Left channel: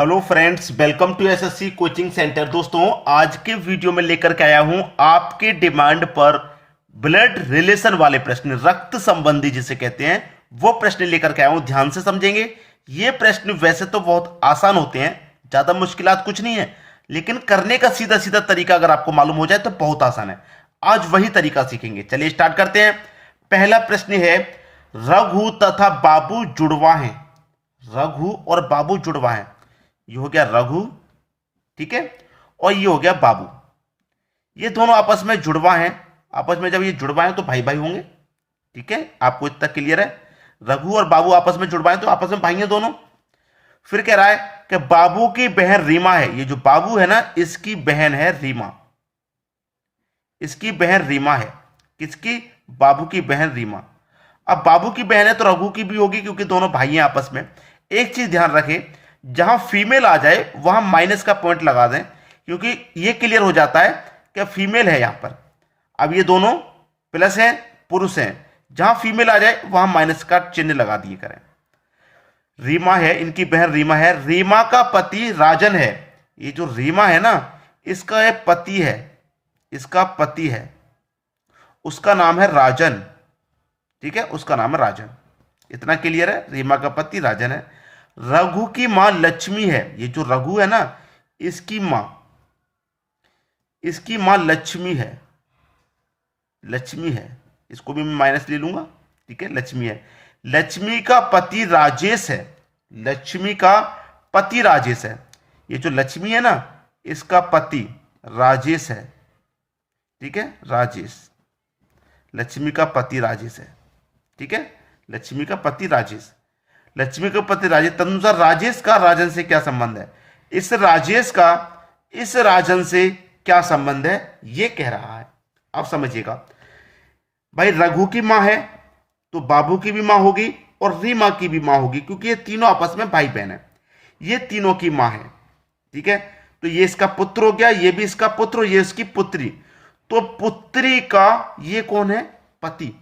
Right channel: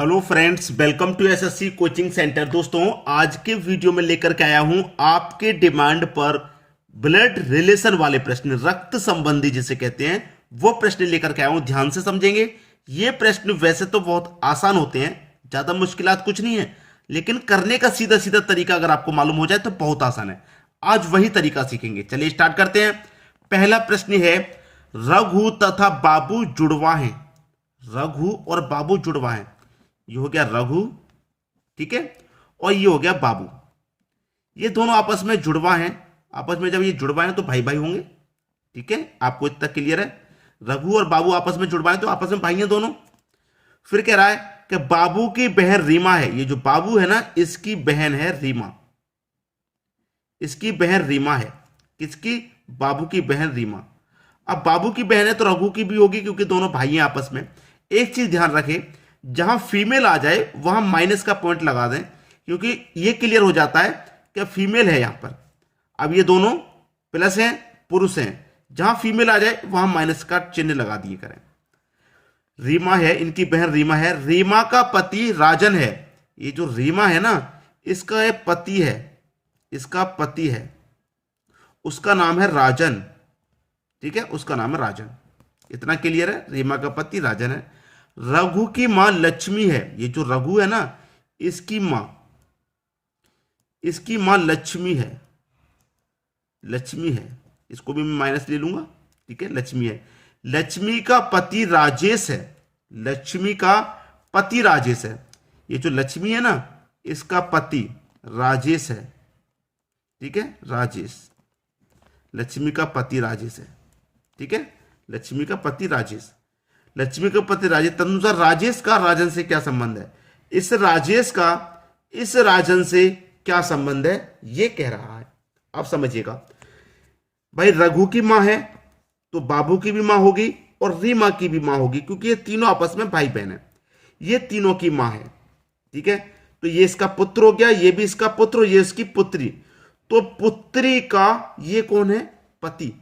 Hello friends, welcome to SSC coaching centre. दोस्तों, आज के वीडियो में लेकर के आया हूं आपके डिमांड पर ब्लड रिलेशन वाले प्रश्न, रक्त संबंधी जिसे कहते हैं, वो प्रश्न लेकर के आया हूं। ध्यान से समझेंगे। ये प्रश्न वैसे तो बहुत आसान होते हैं, ज्यादा मुश्किलात कुछ नहीं है, लेकिन करने का सीधा सीधा तरीका अगर आपको मालूम हो जाए तो बहुत आसान है। आज वही तरीका सीखेंगे। चलिए स्टार्ट करते हैं। पहला प्रश्न है, रघु तथा बाबू जुड़वा हैं। रघु और बाबू जुड़वा हैं। ये हो गया रघु, ठीक है, और ये हो गया बाबू। ये दोनों आपस में जुड़वा हैं। आपस में जब ये जुड़वा हैं तो भाई भाई होंगे, ठीक है। आपको इतना क्लियर है? रघु और बाबू आपस में जुड़वा हैं तो आपस में भाई हैं दोनों। फिर कह रहा है कि बाबू की बहन रीमा है। ये जो बाबू है ना, इसकी बहन है रीमा। इसकी बहन रीमा है। किसकी? बाबू की बहन रीमा। अब बाबू की बहन है तो रघु की भी होगी, क्योंकि दोनों भाई हैं आपस में। एक चीज ध्यान रखें, जहां फीमेल आ जाए वहां माइनस का पॉइंट लगा दें, क्योंकि ये क्लियर हो जाता है कि फीमेल है यहां पर। अब ये दोनों प्लस हैं, पुरुष हैं। जहां फीमेल आ जाए वहां माइनस का चिन्ह लगा दिए करें। रीमा है, इनकी बहन रीमा है। रीमा का पति राजन है। ये जो रीमा है ना, इसका एक पति है, इसका पति है, उसका नाम है राजन, ठीक है, उसका नाम है राजन। इतना क्लियर है? रीमा का पति राजन है। रघु की मां लक्ष्मी है। ये जो रघु है ना, इसकी मां लक्ष्मी है। लक्ष्मी है, इसको भी मैं माइनस ले लूंगा, ठीक है, लक्ष्मी है। लक्ष्मी का पति राजेश है। लक्ष्मी का पति राजेश है। ये जो लक्ष्मी है ना, इसका पति राजेश है, ठीक है, राजेश। लक्ष्मी का पति राजेश है, ठीक है, लक्ष्मी का पति राजेश। लक्ष्मी के पति राजेश। तदनुसार राजेश का राजन से क्या संबंध है? इस राजेश का इस राजन से क्या संबंध है, ये कह रहा है। अब समझिएगा भाई, रघु की मां है तो बाबू की भी मां होगी और रीमा की भी मां होगी, क्योंकि ये तीनों आपस में भाई बहन है। ये तीनों की मां है, ठीक है। तो ये इसका पुत्र हो गया, ये भी इसका पुत्र और ये इसकी पुत्री। तो पुत्री का ये कौन है? पति।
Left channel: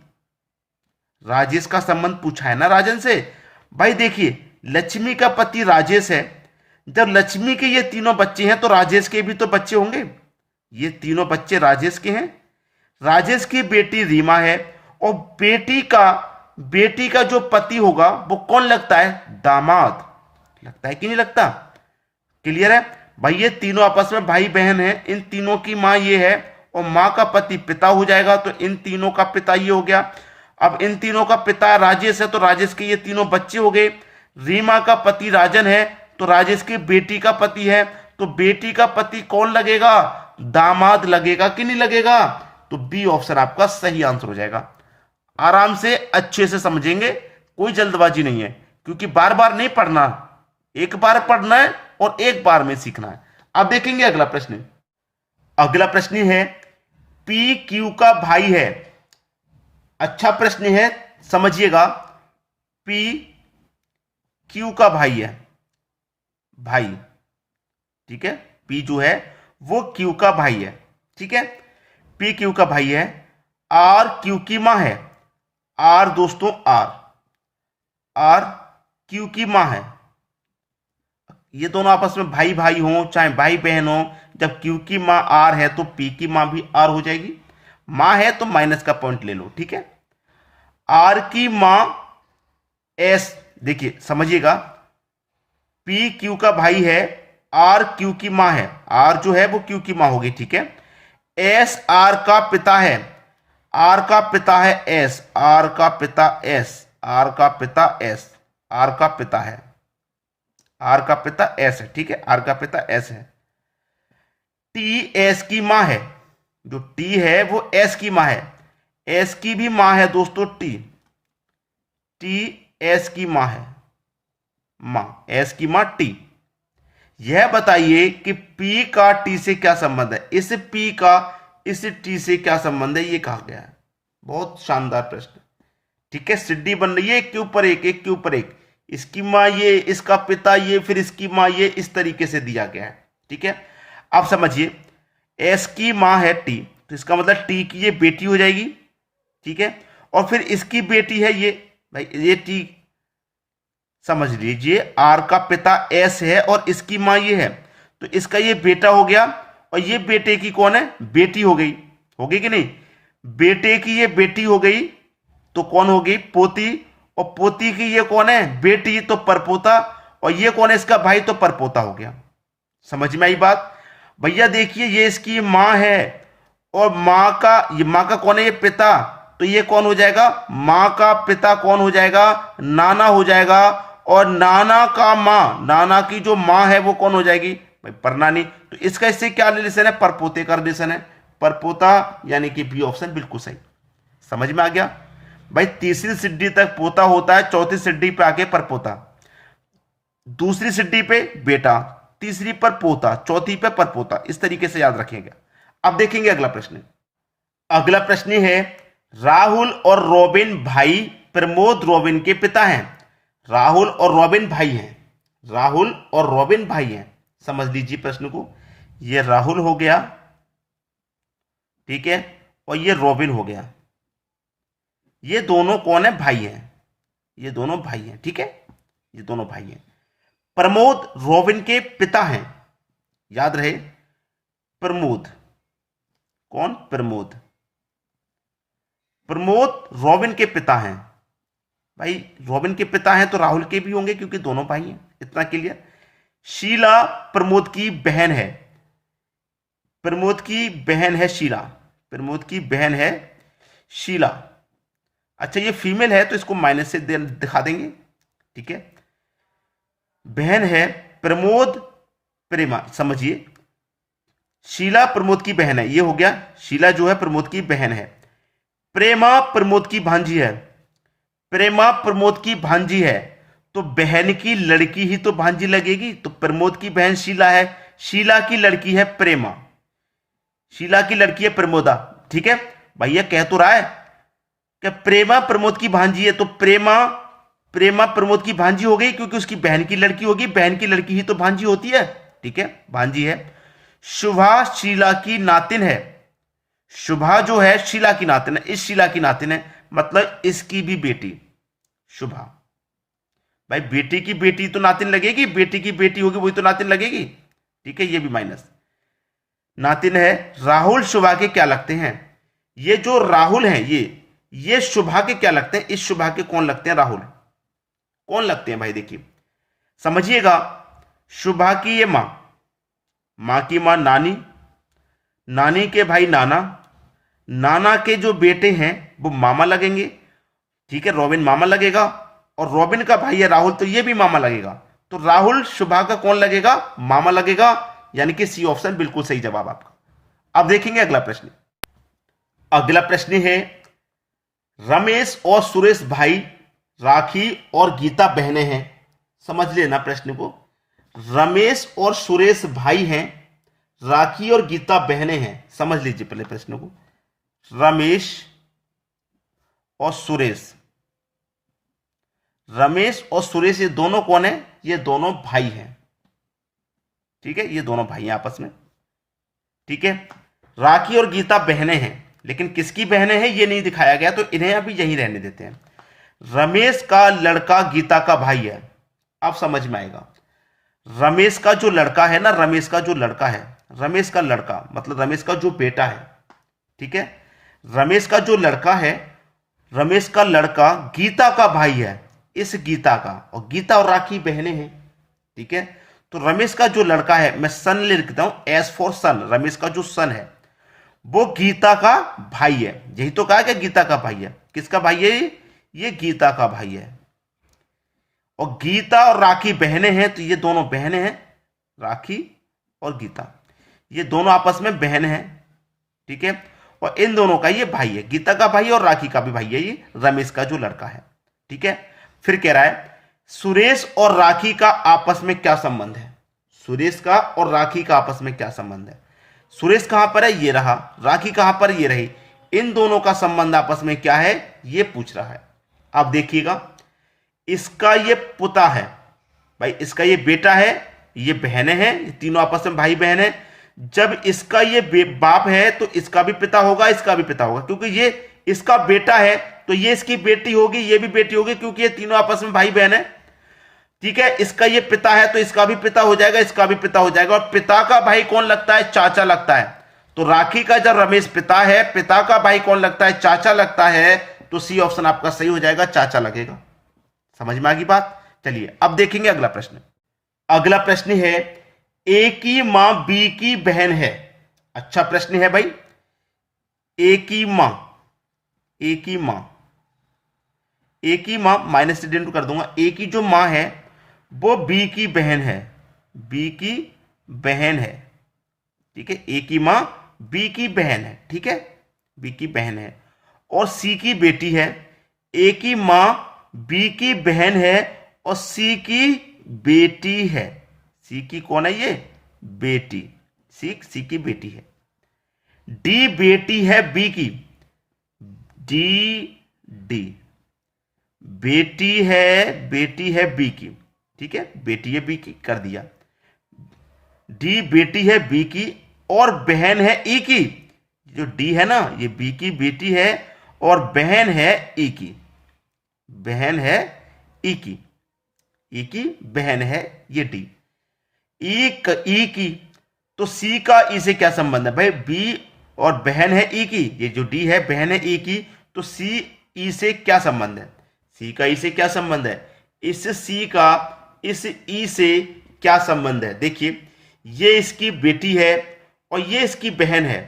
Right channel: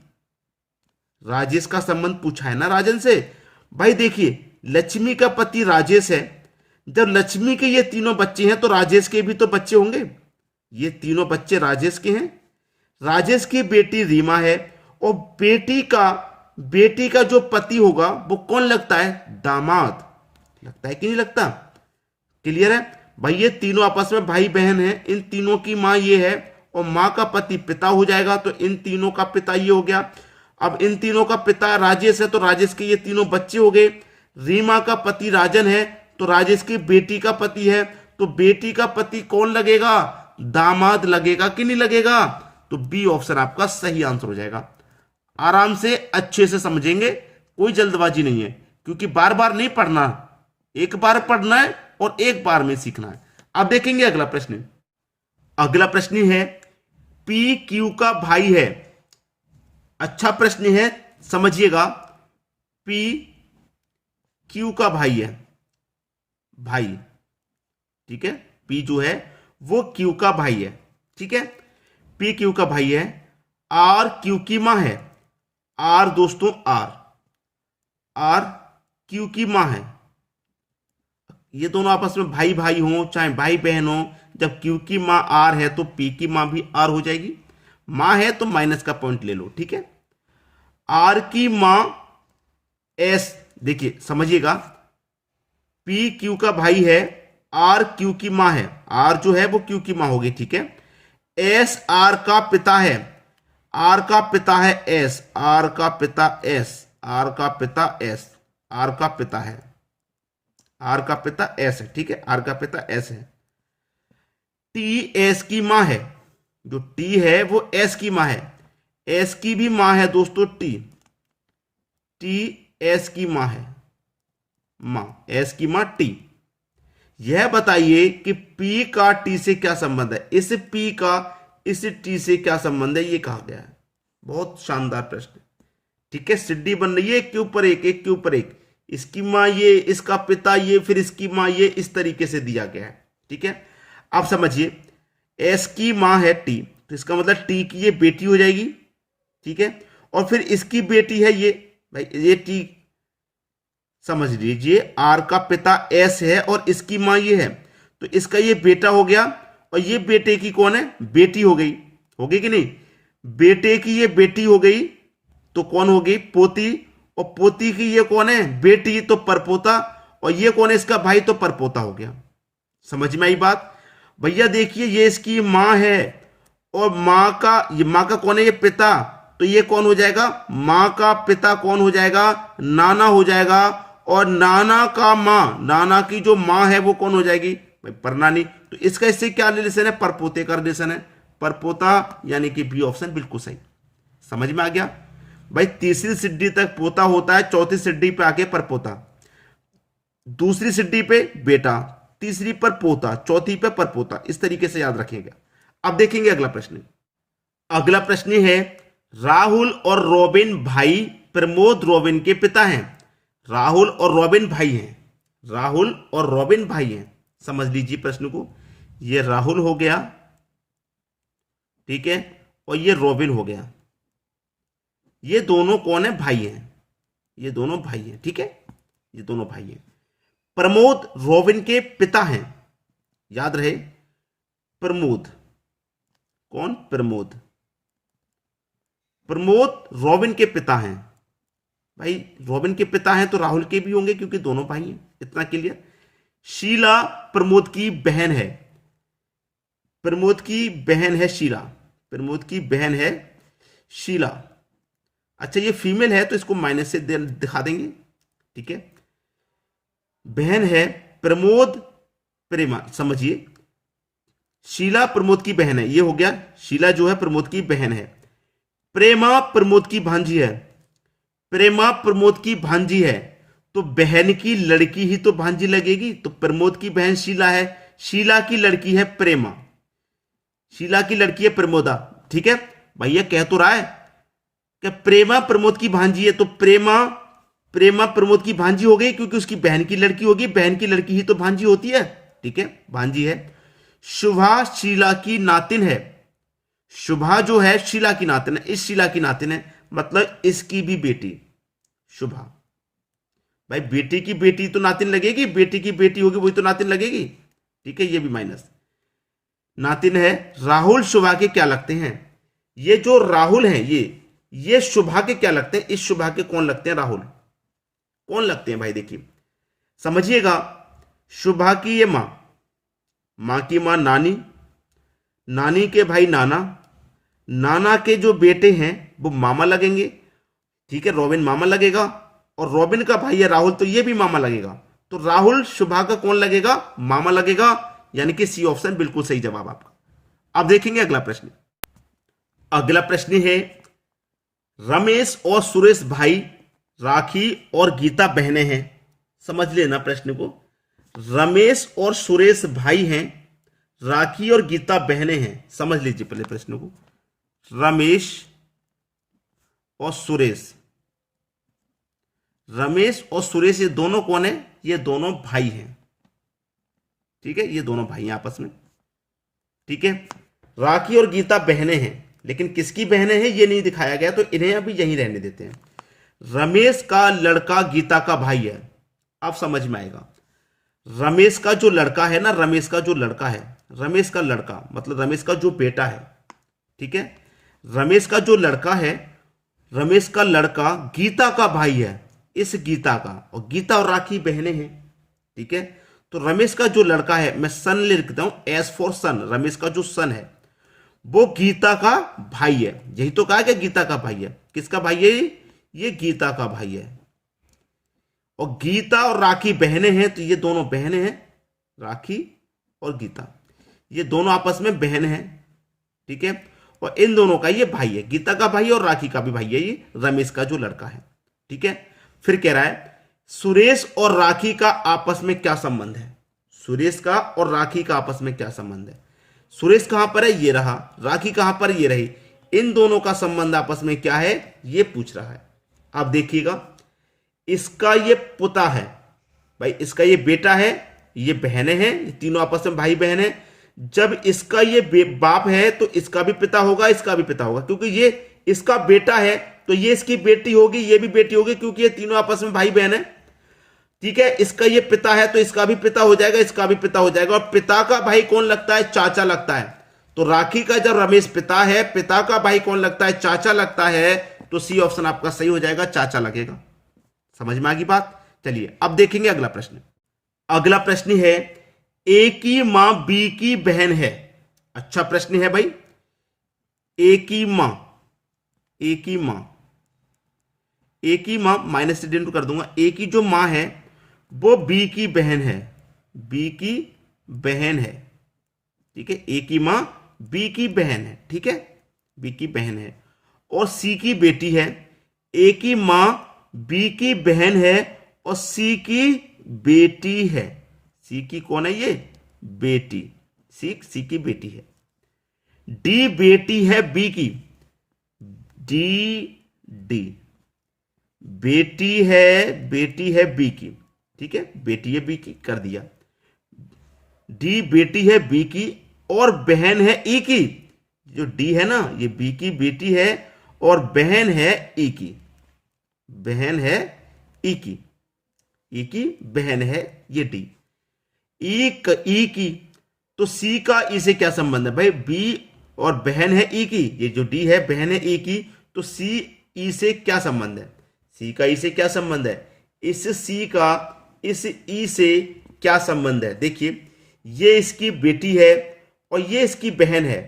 राजेश का संबंध पूछा है ना राजन से। भाई देखिए, लक्ष्मी का पति राजेश है। जब लक्ष्मी के ये तीनों बच्चे हैं तो राजेश के भी तो बच्चे होंगे। ये तीनों बच्चे राजेश के हैं। राजेश की बेटी रीमा है, और बेटी का जो पति होगा वो कौन लगता है? दामाद लगता है कि नहीं लगता? क्लियर है भाई? ये तीनों आपस में भाई बहन हैं। इन तीनों की मां ये है, और मां का पति पिता हो जाएगा, तो इन तीनों का पिता ये हो गया। अब इन तीनों का पिता राजेश है तो राजेश के ये तीनों बच्चे हो गए। रीमा का पति राजन है तो राजेश की बेटी का पति है, तो बेटी का पति कौन लगेगा? दामाद लगेगा कि नहीं लगेगा? तो बी ऑप्शन आपका सही आंसर हो जाएगा। आराम से अच्छे से समझेंगे, कोई जल्दबाजी नहीं है, क्योंकि बार बार नहीं पढ़ना, एक बार पढ़ना है और एक बार में सीखना है। अब देखेंगे अगला प्रश्न। अगला प्रश्न है, पी क्यू का भाई है। अच्छा प्रश्न है, समझिएगा। पी क्यू का भाई है, भाई, ठीक है। पी जो है वो क्यू का भाई है, ठीक है। पी क्यू का भाई है। आर क्यू की मां है। आर दोस्तों, आर क्यू की मां है। ये दोनों आपस में भाई भाई हों चाहे भाई बहन हो, जब क्यू की मां आर है तो पी की मां भी आर हो जाएगी। मां है तो माइनस का पॉइंट ले लो, ठीक है। आर की मां एस, देखिए समझिएगा, पी क्यू का भाई है, आर क्यू की मां है। आर जो है वो क्यू की मां होगी, ठीक है। एस आर का पिता है। आर का पिता है एस। आर का पिता एस। आर का पिता एस। आर का पिता है, आर का पिता एस है, ठीक है। आर का पिता एस है। टी एस की मां है। जो टी है वो एस की मां है। एस की भी मां है दोस्तों टी। टी एस की मां है, मां, एस की मां टी। यह बताइए कि पी का टी से क्या संबंध है। इस पी का इस टी से क्या संबंध है, ये कहा गया है। बहुत शानदार प्रश्न, ठीक है। सिड्डी बन रही है एक के ऊपर एक, एक के ऊपर एक। इसकी मां ये, इसका पिता ये, फिर इसकी मां ये, इस तरीके से दिया गया है, ठीक है। अब समझिए, एस की मां है टी, तो इसका मतलब टी की ये बेटी हो जाएगी, ठीक है। और फिर इसकी बेटी है ये, भाई ये टी समझ लीजिए आर का पिता एस है और इसकी मां ये है, तो इसका ये बेटा हो गया और ये बेटे की कौन है, बेटी हो गई कि नहीं, बेटे की ये बेटी हो गई तो कौन हो गई, पोती, और पोती की ये कौन है, बेटी, तो परपोता, और ये कौन है, इसका भाई, तो परपोता हो गया। समझ में आई बात भैया। देखिए ये इसकी मां है और मां का कौन है, ये पिता, तो ये कौन हो जाएगा, मां का पिता कौन हो जाएगा, नाना हो जाएगा, और नाना का मां, नाना की जो मां है वो कौन हो जाएगी भाई, परनानी। तो इसका इससे क्या रिलेशन है, परपोते का रिलेशन है, परपोता, यानी कि बी ऑप्शन बिल्कुल सही। समझ में आ गया भाई। तीसरी सिड्डी तक पोता होता है, चौथी सिड्डी पे आके परपोता, दूसरी सिड्डी पे बेटा, तीसरी पर पोता, चौथी पे परपोता, इस तरीके से याद रखेंगे। अब देखेंगे अगला प्रश्न। अगला प्रश्न है राहुल और रॉबिन भाई प्रमोद रॉबिन के पिता हैं। राहुल और रॉबिन भाई हैं, राहुल और रॉबिन भाई हैं। समझ लीजिए प्रश्न को, ये राहुल हो गया, ठीक है, और ये रॉबिन हो गया। ये दोनों कौन है, भाई हैं, ये दोनों भाई हैं, ठीक है, ये दोनों भाई हैं। प्रमोद रॉबिन के पिता हैं, याद रहे, प्रमोद, कौन, प्रमोद, प्रमोद रॉबिन के पिता हैं। भाई रॉबिन के पिता हैं तो राहुल के भी होंगे क्योंकि दोनों भाई हैं, इतना क्लियर। शीला प्रमोद की बहन है, प्रमोद की बहन है शीला, प्रमोद की बहन है शीला। अच्छा ये फीमेल है तो इसको माइनस से दिखा देंगे, ठीक है। बहन है प्रमोद प्रेमा, समझिए शीला प्रमोद की बहन है, ये हो गया, शीला जो है प्रमोद की बहन है। प्रेमा प्रमोद की भांजी है, प्रेमा प्रमोद की भांजी है, तो बहन की लड़की ही तो भांजी लगेगी, तो प्रमोद की बहन शीला है, शीला की लड़की है प्रेमा, शीला की लड़की है प्रमोदा, ठीक है। भैया कह तो रहा है कि प्रेमा प्रमोद की भांजी है, तो प्रेमा प्रमोद की भांजी हो गई क्योंकि उसकी बहन की लड़की होगी, बहन की लड़की ही तो भांजी होती है, ठीक है, भांजी है। शुभा शीला की नातिन है, शुभा जो है शीला की नातिन है, इस शीला की नातिन है, मतलब इसकी भी बेटी शुभा। भाई बेटी की बेटी तो नातिन लगेगी, बेटी की बेटी होगी वही तो नातिन लगेगी, ठीक है, ये भी माइनस नातिन है। राहुल शुभा के क्या लगते हैं, ये जो राहुल हैं ये शुभा के क्या लगते हैं, इस शुभा के कौन लगते हैं, राहुल कौन लगते हैं भाई, देखिए समझिएगा। शुभा की ये मां की मां नानी, नानी के भाई नाना, नाना के जो बेटे हैं वो मामा लगेंगे, ठीक है, रॉबिन मामा लगेगा, और रॉबिन का भाई है राहुल तो ये भी मामा लगेगा, तो राहुल शुभा का कौन लगेगा, मामा लगेगा, यानी कि सी ऑप्शन बिल्कुल सही जवाब आपका। अब देखेंगे अगला प्रश्न। अगला प्रश्न है रमेश और सुरेश भाई, राखी और गीता बहनें हैं। समझ लेना प्रश्न को, रमेश और सुरेश भाई हैं, राखी और गीता बहनें हैं। समझ लीजिए पहले प्रश्न को, रमेश और सुरेश, रमेश और सुरेश ये दोनों कौन है, ये दोनों भाई हैं, ठीक है, ये दोनों भाई हैं आपस में, ठीक है। राखी और गीता बहनें हैं, लेकिन किसकी बहनें हैं ये नहीं दिखाया गया, तो इन्हें अभी यहीं रहने देते हैं। रमेश का लड़का गीता का भाई है, अब समझ में आएगा। रमेश का जो लड़का है ना, रमेश का जो लड़का है, रमेश का लड़का मतलब रमेश का जो बेटा है, ठीक है, रमेश का जो लड़का है, रमेश का लड़का गीता का भाई है, इस गीता का, और गीता और राखी बहनें हैं, ठीक है। तो रमेश का जो लड़का है, मैं सन लिखता हूं, एस फॉर सन, रमेश का जो सन है वो गीता का भाई है, यही तो कहा कि गीता का भाई है। किसका भाई है ये गीता का भाई है, और गीता और राखी बहनें हैं, तो ये दोनों बहनें हैं, राखी और गीता, ये दोनों आपस में बहन हैं, ठीक है, और इन दोनों का ये भाई है, गीता का भाई और राखी का भी भाई है, ये रमेश का जो लड़का है, ठीक है। फिर कह रहा है सुरेश और राखी का आपस में क्या संबंध है, सुरेश का और राखी का आपस में क्या संबंध है। सुरेश कहां पर है, ये रहा, राखी कहां पर, ये रही, इन दोनों का संबंध आपस में क्या है ये पूछ रहा है। अब देखिएगा, इसका ये पुता है भाई, इसका ये बेटा है, ये बहनें हैं, ये तीनों आपस में भाई बहन है। जब इसका ये बाप है तो इसका भी पिता होगा, इसका भी पिता होगा, क्योंकि ये इसका बेटा है तो ये इसकी बेटी होगी, ये भी बेटी होगी, क्योंकि ये तीनों आपस में भाई बहन है। ठीक है, इसका ये पिता है तो इसका भी पिता हो जाएगा, इसका भी पिता हो जाएगा। और पिता का भाई कौन लगता है? चाचा लगता है। तो राखी का जब रमेश पिता है, पिता का भाई कौन लगता है? चाचा लगता है। तो सी ऑप्शन आपका सही हो जाएगा, चाचा लगेगा। समझ में आ गई बात? चलिए अब देखेंगे अगला प्रश्न। अगला प्रश्न है, ए की मां बी की बहन है। अच्छा प्रश्न है भाई। ए की मां माइनस से कर दूंगा। ए की जो मां है वो बी की बहन है, ठीक है। ए की मां बी की बहन है, ठीक है, बी की बहन है। और सी की बेटी है। ए की मां बी की बहन है और सी की बेटी है। सी की कौन है? ये बेटी, सी की बेटी है। डी बेटी है बी की, डी बेटी है बी की, ठीक है, बेटी है बी की, कर दिया। डी बेटी है बी की और बहन है ई की। जो डी है ना, ये बी की बेटी है और बहन है ई की, बहन है ये डी। ई की, तो सी का ई से क्या संबंध है भाई? बी और बहन है ई की, ये जो डी है बहन है ई की, तो सी ई से क्या संबंध है? सी का ई से क्या संबंध है? इस सी का इस ई से क्या संबंध है? देखिए, ये इसकी बेटी है और ये इसकी बहन है।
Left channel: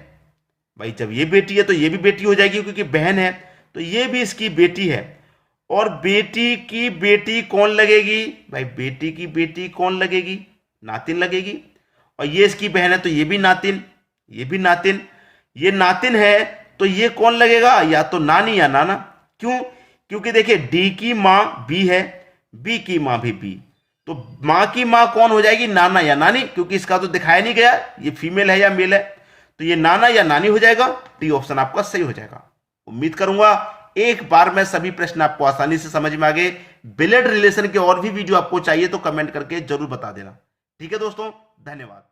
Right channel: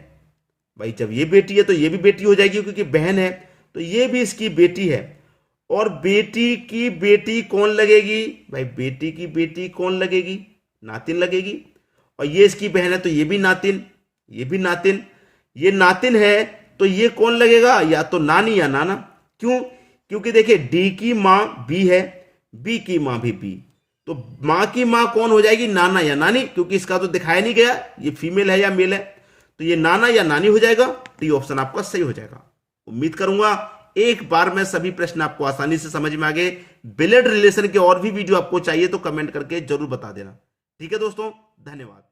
भाई जब ये बेटी है तो ये भी बेटी हो जाएगी, क्योंकि बहन है, तो ये भी इसकी बेटी है। और बेटी की बेटी कौन लगेगी भाई? बेटी की बेटी कौन लगेगी? नातिन लगेगी। और ये इसकी बहन है तो ये भी नातिन, ये नातिन है, तो ये कौन लगेगा? या तो नानी या नाना। क्यों? क्योंकि देखिए, डी की मां बी है, बी की मां भी बी, तो मां की मां कौन हो जाएगी? नाना या नानी, क्योंकि इसका तो दिखाया नहीं गया ये फीमेल है या मेल है, तो ये नाना या नानी हो जाएगा। डी ऑप्शन आपका सही हो जाएगा। उम्मीद करूंगा एक बार में सभी प्रश्न आपको आसानी से समझ में आ गए। ब्लड रिलेशन के और भी वीडियो आपको चाहिए तो कमेंट करके जरूर बता देना। ठीक है दोस्तों, धन्यवाद।